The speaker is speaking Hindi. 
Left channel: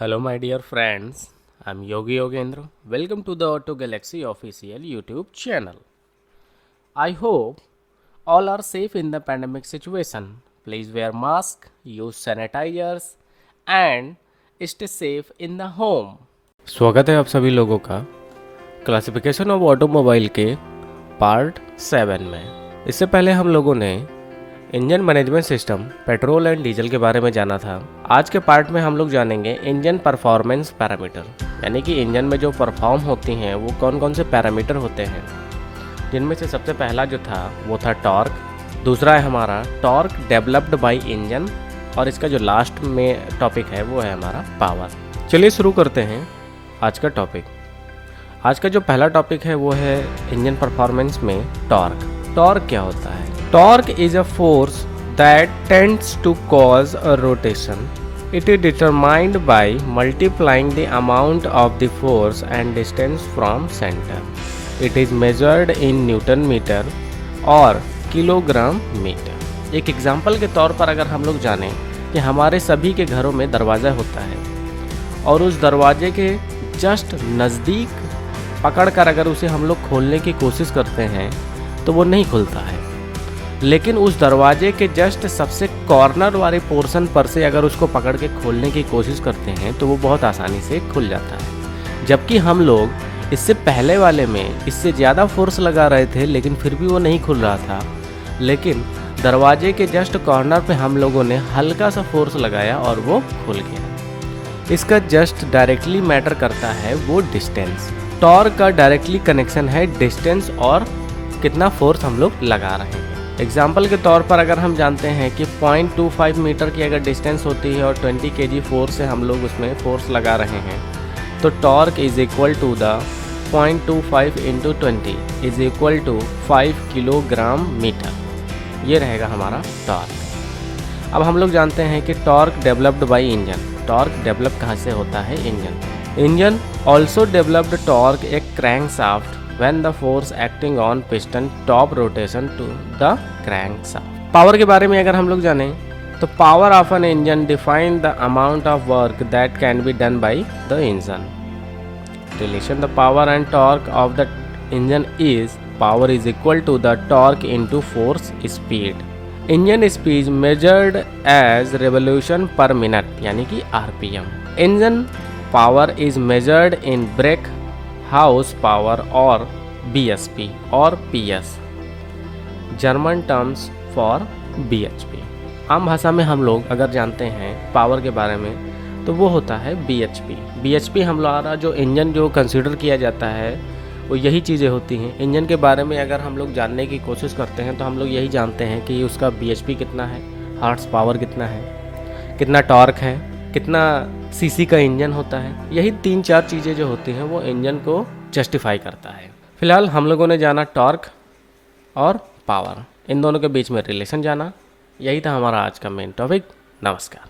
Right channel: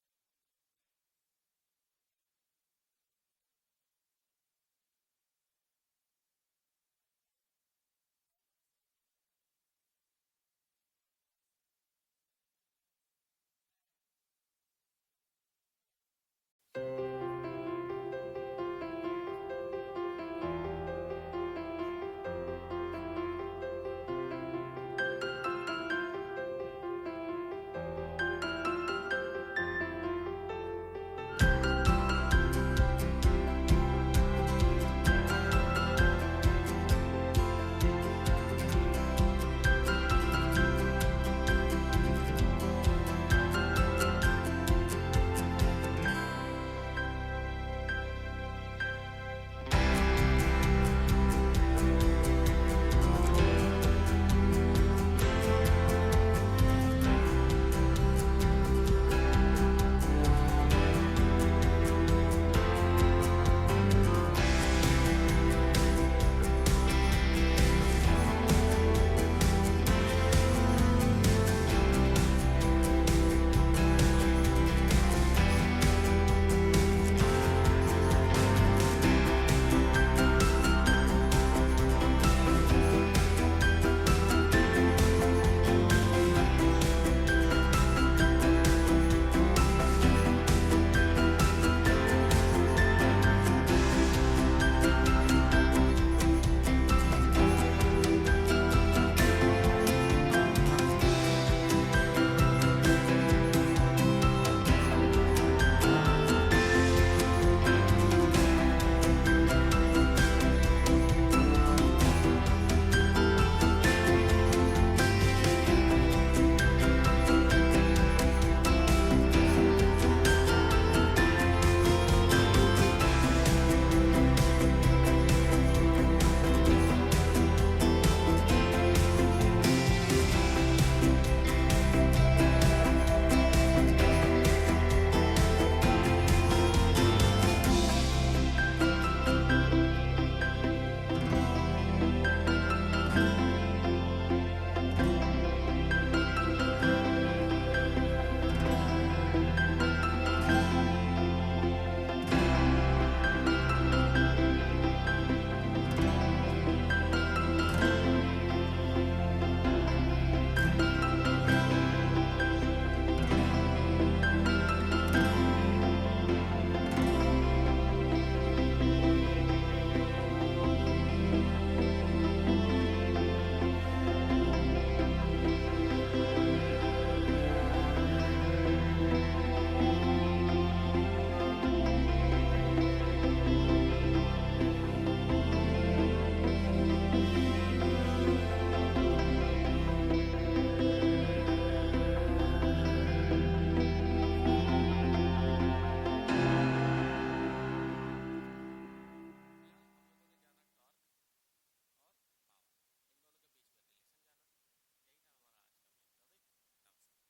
Hello, my dear friends. I'm Yogi Yogendra. Welcome to the Auto Galaxy official YouTube channel. I hope all are safe in the pandemic situation. Please wear mask, use sanitizers, and stay safe in the home. स्वागत है आप सभी लोगों का क्लासिफिकेशन ऑफ ऑटोमोबाइल के पार्ट 7 में। इससे पहले हम लोगों ने engine management system, petrol and diesel के बारे में जाना था। आज के पार्ट में हम लोग जानेंगे इंजन परफॉर्मेंस पैरामीटर, यानी कि इंजन में जो परफॉर्म होती हैं वो कौन कौन से पैरामीटर होते हैं, जिनमें से सबसे पहला जो था वो था टॉर्क। दूसरा है हमारा टॉर्क डेवलप्ड बाय इंजन, और इसका जो लास्ट में टॉपिक है वो है हमारा पावर। चलिए शुरू करते हैं आज का टॉपिक। आज का जो पहला टॉपिक है वो है इंजन परफॉर्मेंस में टॉर्क। टॉर्क क्या होता है? Torque is a force that tends to cause a rotation. It is determined by multiplying the amount of the force and distance from center. It is measured in Newton meter और किलोग्राम मीटर। एक एग्जाम्पल के तौर पर अगर हम लोग जानें कि हमारे सभी के घरों में दरवाज़ा होता है और उस दरवाजे के जस्ट नज़दीक पकड़कर अगर उसे हम लोग खोलने की कोशिश करते हैं तो वो नहीं खुलता है, लेकिन उस दरवाजे के जस्ट सबसे कॉर्नर वाले पोर्शन पर से अगर उसको पकड़ के खोलने की कोशिश करते हैं तो वो बहुत आसानी से खुल जाता है। जबकि हम लोग इससे पहले वाले में इससे ज़्यादा फोर्स लगा रहे थे लेकिन फिर भी वो नहीं खुल रहा था, लेकिन दरवाजे के जस्ट कॉर्नर पे हम लोगों ने हल्का सा फोर्स लगाया और वो खुल गया। इसका जस्ट डायरेक्टली मैटर करता है वो डिस्टेंस। टॉर्क का डायरेक्टली कनेक्शन है डिस्टेंस और कितना फोर्स हम लोग लगा रहे हैं। एग्जाम्पल के तौर पर अगर हम जानते हैं कि 0.25 मीटर की अगर डिस्टेंस होती है और 20 kg फोर्स से हम लोग उसमें फोर्स लगा रहे हैं, तो torque is equal to the 0.25 into 20 is equal to 5 kilogram metre. ये रहेगा हमारा टॉर्क। अब हम लोग जानते हैं कि torque developed by engine. Torque develop कहाँ से होता है? Engine also developed torque A crankshaft when the force acting on piston top rotation to the crankshaft. Power के बारे में अगर हम लोग जानें तो power of an engine define the amount of work that can be done by the engine. Relation the power and torque of the engine is power is equal to the torque into force speed. Engine speed measured as revolution per minute, यानी कि RPM. Engine power is measured in brake house power और BSP और PS, German terms for BHP। आम भाषा में हम लोग अगर जानते हैं पावर के बारे में तो वो होता है BHP हमारा जो इंजन जो कंसीडर किया जाता है वो यही चीज़ें होती हैं। इंजन के बारे में अगर हम लोग जानने की कोशिश करते हैं तो हम लोग यही जानते हैं कि उसका BHP कितना है, हॉर्स पावर कितना है, कितना टॉर्क है, कितना सीसी का इंजन होता है। यही 3-4 चीज़ें जो होती हैं वो इंजन को जस्टिफाई करता है। फिलहाल हम लोगों ने जाना टॉर्क और पावर, इन दोनों के बीच में रिलेशन जाना। यही था हमारा आज का मेन टॉपिक। नमस्कार।